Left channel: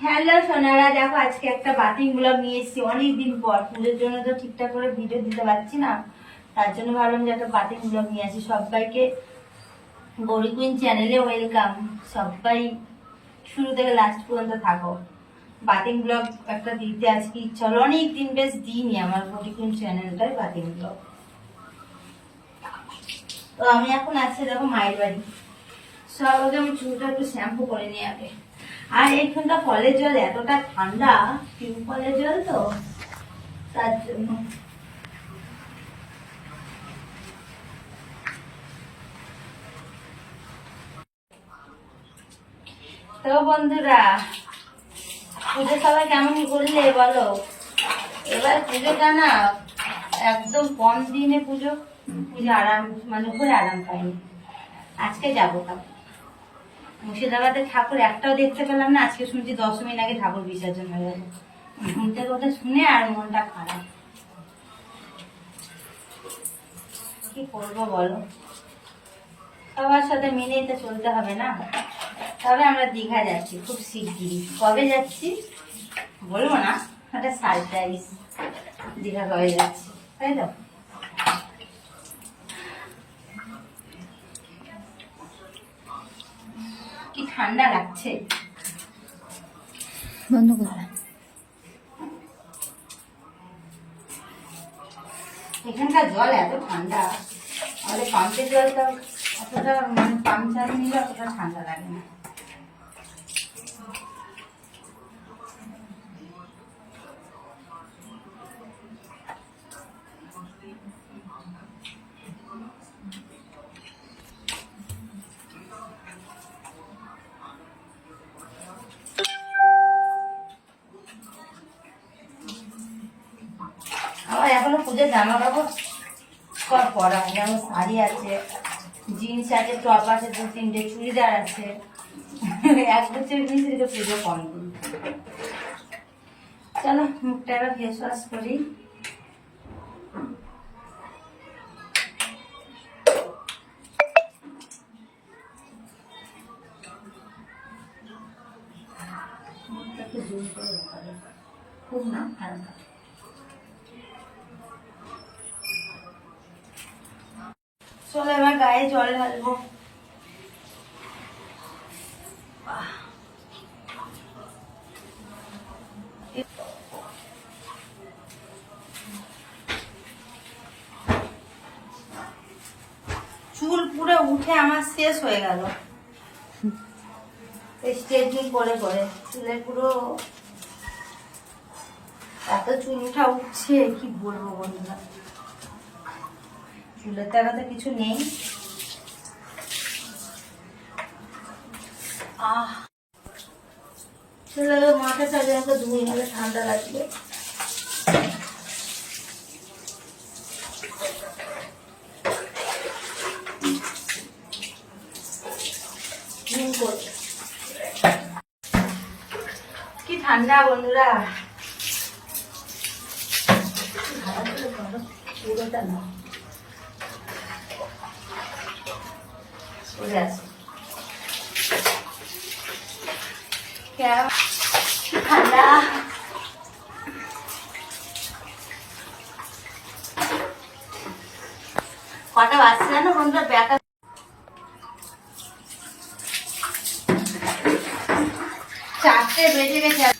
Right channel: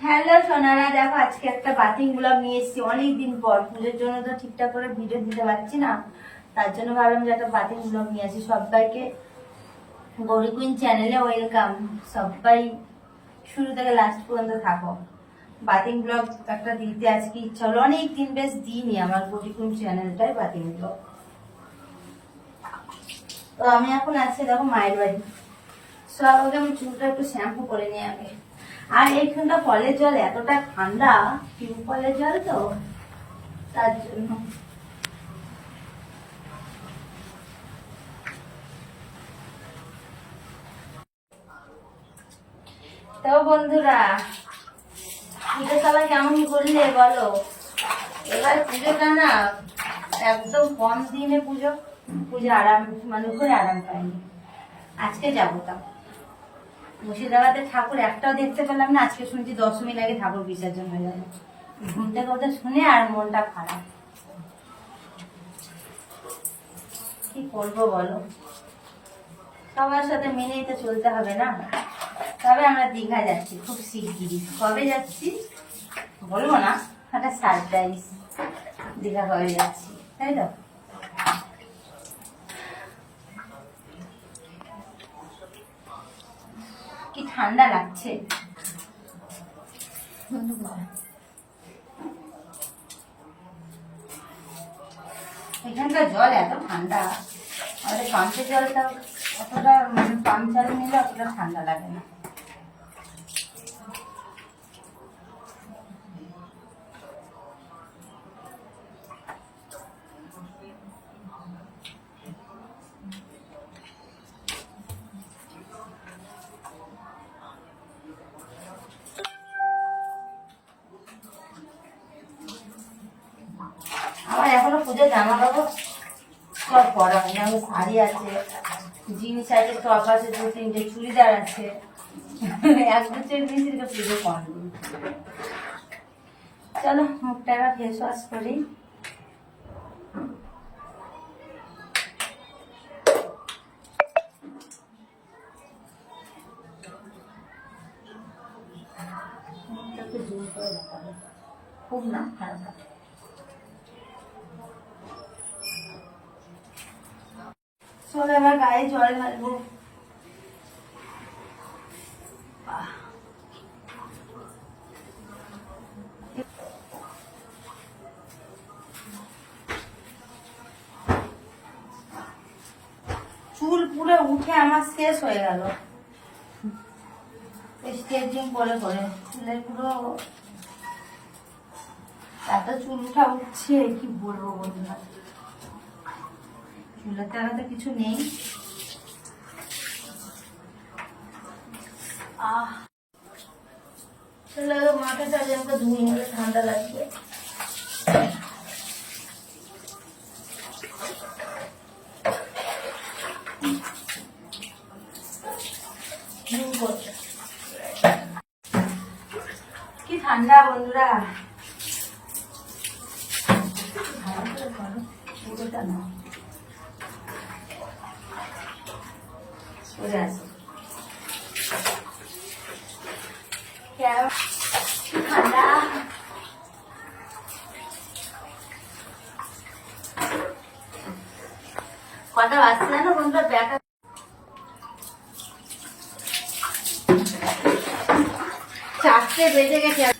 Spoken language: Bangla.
হ্যালো সোনারা, দেখো আজকে একটা বাতিং ব্লগ নিয়ে এসেছি। অনেকদিন পর। পুজোর জন্য তো ঠিকঠাক করে ভিডিও দিতে পারছি না। তার জন্য ভাবলাম যে একটা বাতিং ব্লগ নিয়ে আসি। সবাইকে গৌরী কুইন চ্যানেলে ওয়েলকাম সবাই শুরু থেকে লাস্ট পর্যন্ত থাকো। বাতিং ব্লগ একটা দিতে আজকে ইচ্ছা হলো। অনেক দিন বেশ দিইনি আমার গৌরী কুইন চ্যানেলটাই বাতিং ব্লগ তো আমি এখন আছি, দেখো মায়ের বাড়ি। সব আগে আমি চুলটা একটু শ্যাম্পু করে নিই আগে। আর এইখানটা কলের জল এতটা ঠান্ডা টিউব কলের জল তো, তার জন্য। তো বন্ধুরা, পুজো সবাই কেমন করলে বলো? এবার পুজোটা না একদম কম দিনে পুজো পুজো আরাম মানে ঘুরে আরাম পাইনি। আজকে যাব তা মুর্শিদাবাদে ঠাকুর একটাও দেখতে পেলাম না, আজকে শুনছি দশ মিনিট আগে ঠাকুর বিসর্জন হয়ে গেল ঘুম থেকে ওটা শুনে আর মনটা খারাপ। কি করব বলো? সবার সাথে মেনে তো চলতে হবে না? তবে আমরা দীঘা যাচ্ছি, খুব শিগগিরই। কবে যাচ্ছি? বলব না, একটা সারপ্রাইজ দীঘা কবে যাচ্ছি? তাই তো? কি ঠান্ডা লাগছে? বন্ধ করে এখানকার জল এত ঠান্ডা। আমাদের পাম্পের জলটা অতটা মানে পাম্প চালিয়ে নিলে অতটা ঠান্ডা লাগে না। এখনও পুজোর জামা কাপড় সব পরা যেমন শাড়ি আছে জিন্স আছে টপ আছে, দু তিনটে চুড়িদার আছে। এক বছর রেখে পুজো কম চলো, মুখটা এবার ফেস ওয়াশ করি। খুব না? হালকা চলো এবার গায়ে জল ঢালবো। চুল পুরো উঠে আমার শেষ হয়ে গেল। স্ট্রেচিং করে করে চুলের পুরো এত চুল উঠা উঠছে, কি বলব বন্ধুরা? চুলের তো তো কিছু নেই। মাথা ধুয়ে গেলে ঠান্ডা লাগবে। কি ঠান্ডা বন্ধুরা। পুরোটা না সরে আসো। ঠান্ডা কটা বাজছে চারটে বেজে গেছে।